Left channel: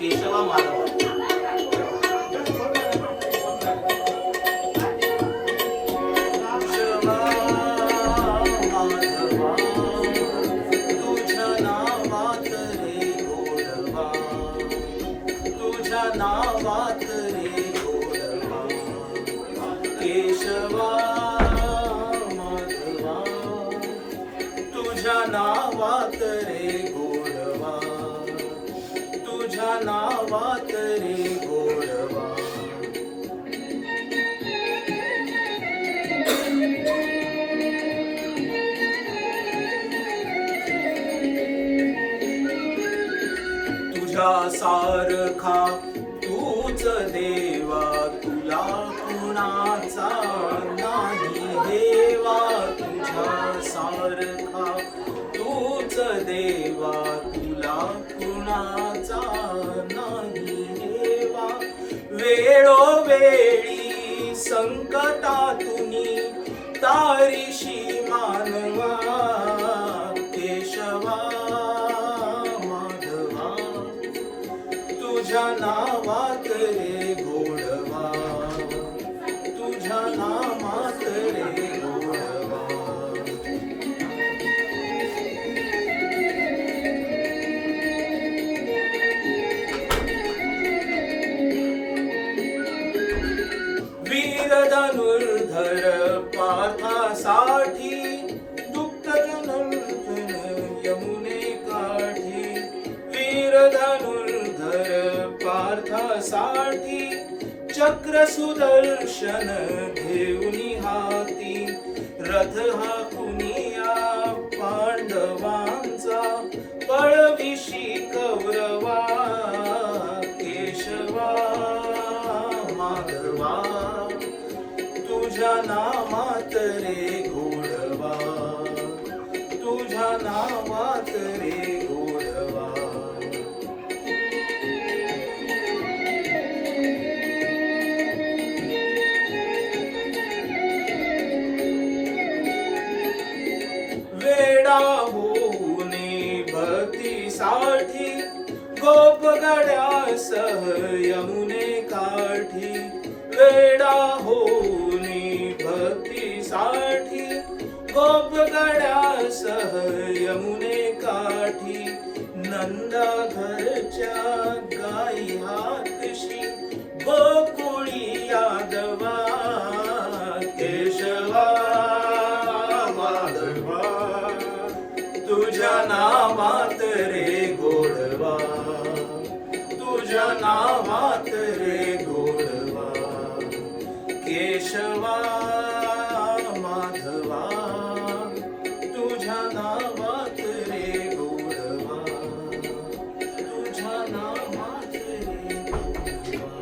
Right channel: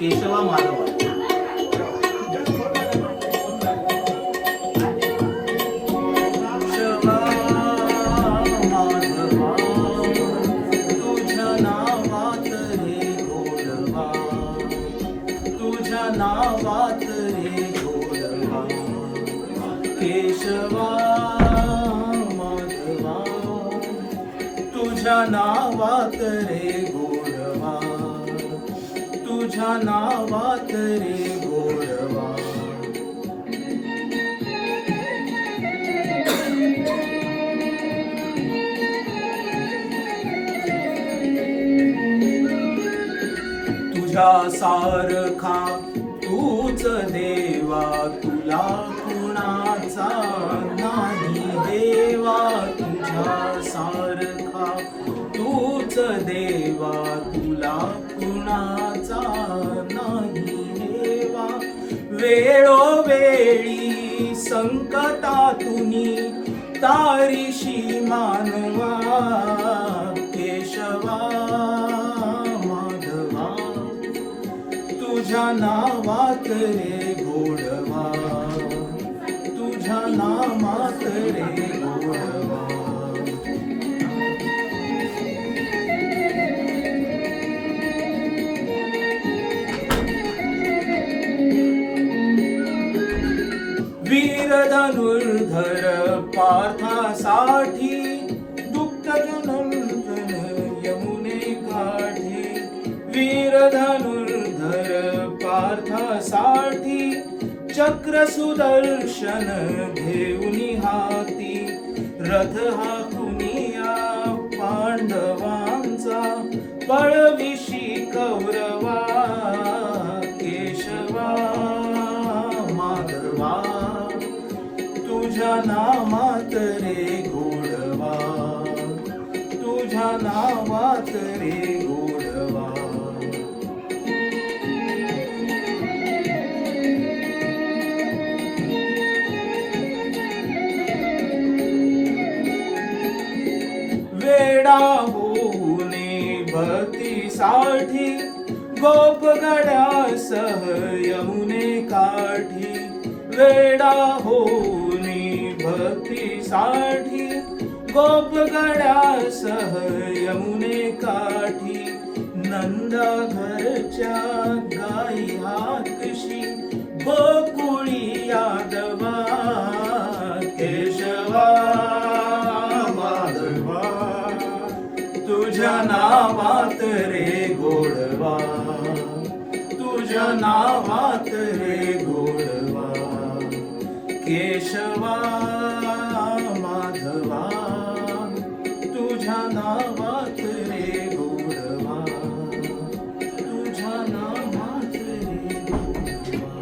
केशवा माधवा. केशवा माधवा तुझ्या नावात रे गोडवा, तुझ्या नावात रे गोडवा. केशवा माधवा तुझ्या नावात रे गोडवा, तुझ्या नावात रे गोडवा. तुझ्या सारखा तूच देवा, तुला कुणाचा नाही देवा. तुझ्या सारखा तूच देवा, तुला कुणाचा नाही देवा. वेळोवेळी संकटातुनी तारीशी मानवा. केशवा माधवा तुझ्या नावात रे गोडवा, तुझ्या नामात रे गोडवा. वीर धनुर्धर पार्थासाठी दुःख जनंजन यमुने काठी. वीर धनुर्धर पार्थासाठी चक्र सुदर्शन घेऊनी हाती. रथ हाकुनिया पांडवांचा पळविशी कौरवा. केशवा माधवा तुझ्या नामात रे गोडवा, तुझ्या नावात रे गोडवा. वेडा होणे भक्तीसाठी गोपगड्यासह यमुने काठी. वेडा होणे भक्तीसाठी गोपगड्यासह यमुने काठी. नंद घरच्या गाई हाकशी गोकुळी यादवा. केशवा माधवा तुझ्या नावात रे गोडवा, तुझ्या नावात रे गोडवा. केशवा माधवा तुझ्या नावात रे गोडवा, तुझ्या नावात रे गोडवा.